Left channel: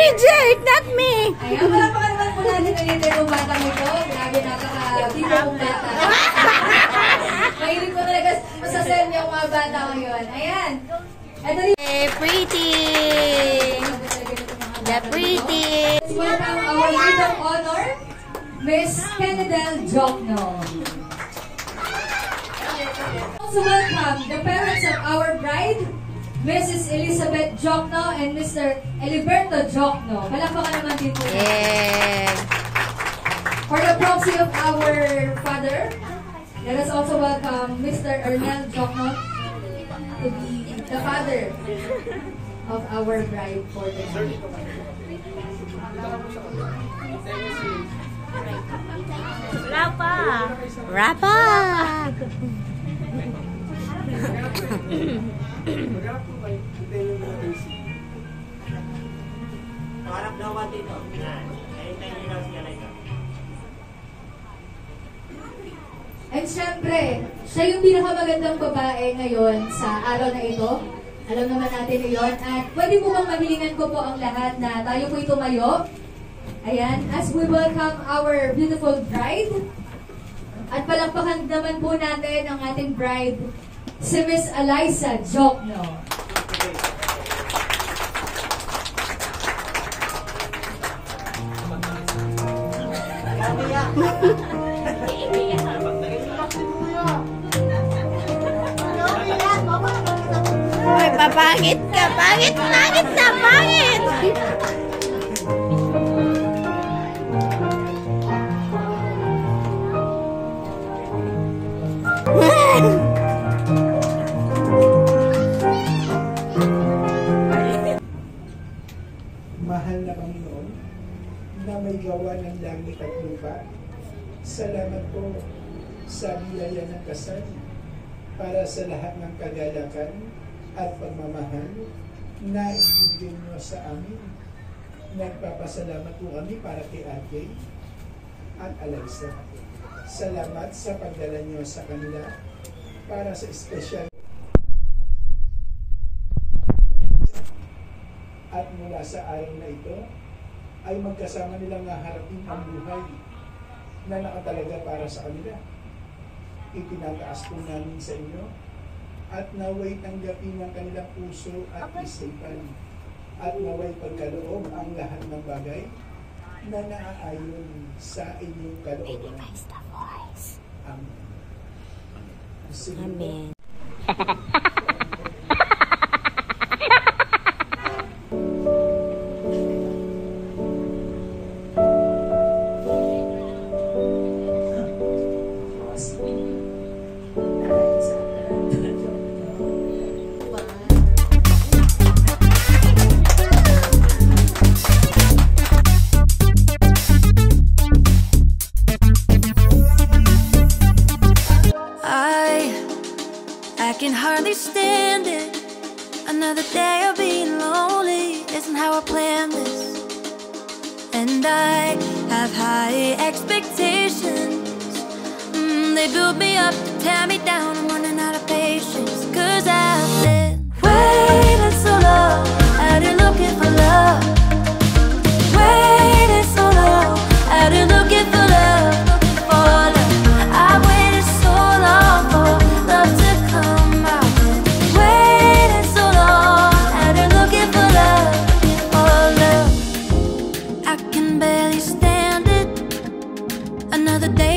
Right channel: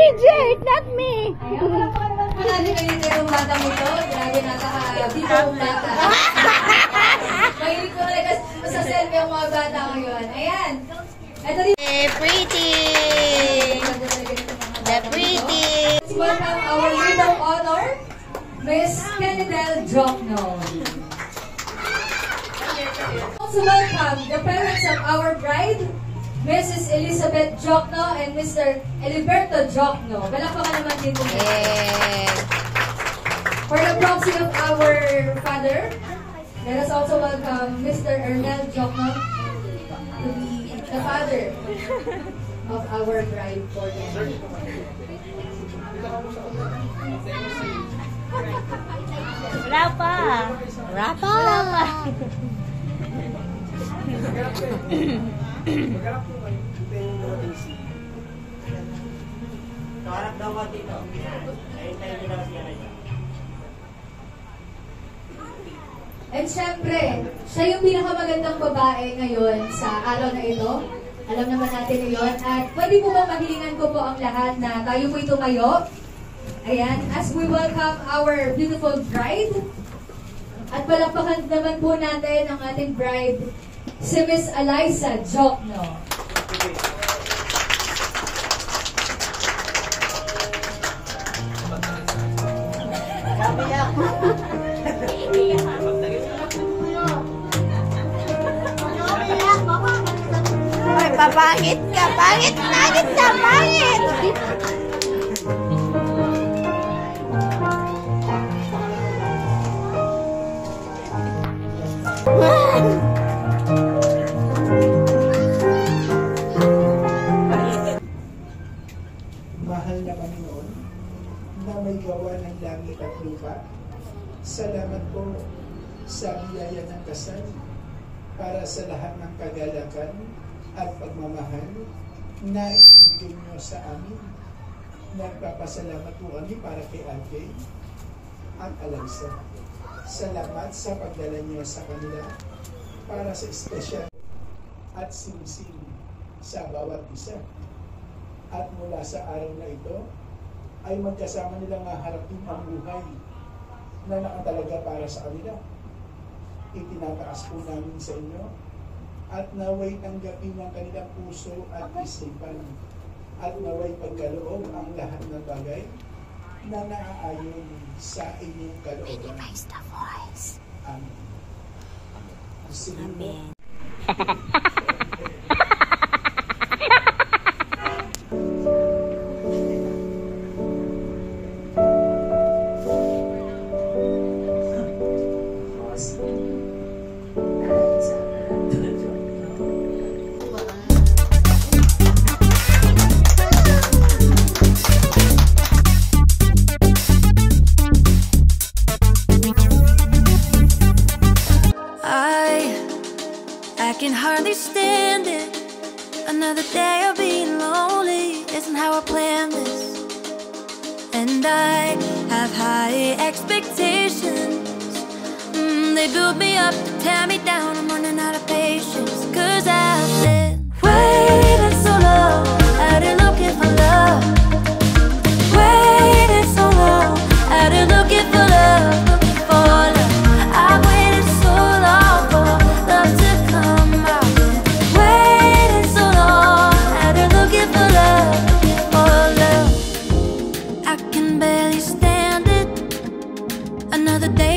reject, not me. Ayun, wala pa naman po natin ganito yung batang ito. Grabe, nakaka-dito yung bata. Mahilig ko talaga sa send yung mga bata ngayon. Ayan. Ito rin. Pretty. The pretty. Let's welcome our maid of honor, Miss Kennedel Jokno. Also welcome the parents of our bride, Mrs. Elizabeth Jokno and Mr. Eliberto Jokno. Palakpakan naman din po. Yeah. For the proxy of our father, let us also welcome Mr. Ernel Jokno to be the father of our bride for the night. Rapa. Rapa. And syempre, siya yung pinakamagandang babae ngayon sa araw na ito. Alam naman natin ngayon. At pwede po bang mahilingan ko po ang lahat na tayo po tumayo. Ayan, as we welcome our beautiful bride. At palakpakan naman po natin ang ating bride, si Miss Eliza Jokno. Ay, papangit ka. Pangit na pangit. Mahal na Panginoon, na may gawa ng langit at lupa, salamat po sa biyaya ng kasal para sa lahat ng kagalakan at pagmamahal na ibigay niyo sa amin. Nagpapasalamat po kami para kay Ate at Eliza. Salamat sa pagdala niyo sa kanila para sa espesyal at sinising sa bawat isa. At mula sa araw na ito, ay magkasama nilang maharapin ang buhay na nakatalaga para sa kanila. Itinataas po namin sa inyo at naway tanggapin ng kanilang puso at isipan at naway pagkaloob ang lahat ng bagay na naaayon sa inyong kalooban. Amen. Amen. I can hardly stand it. Another day of being lonely isn't how I planned this. And I have high expectations. They build me up to tear me down. I'm running out of patience. 'Cause I've been waiting so long, out here looking for love. Waiting so long, out here looking for love, looking for love. I've waited so long for love to come. I've been waiting so long, out here looking for love, looking for love. I can barely stand it. Another day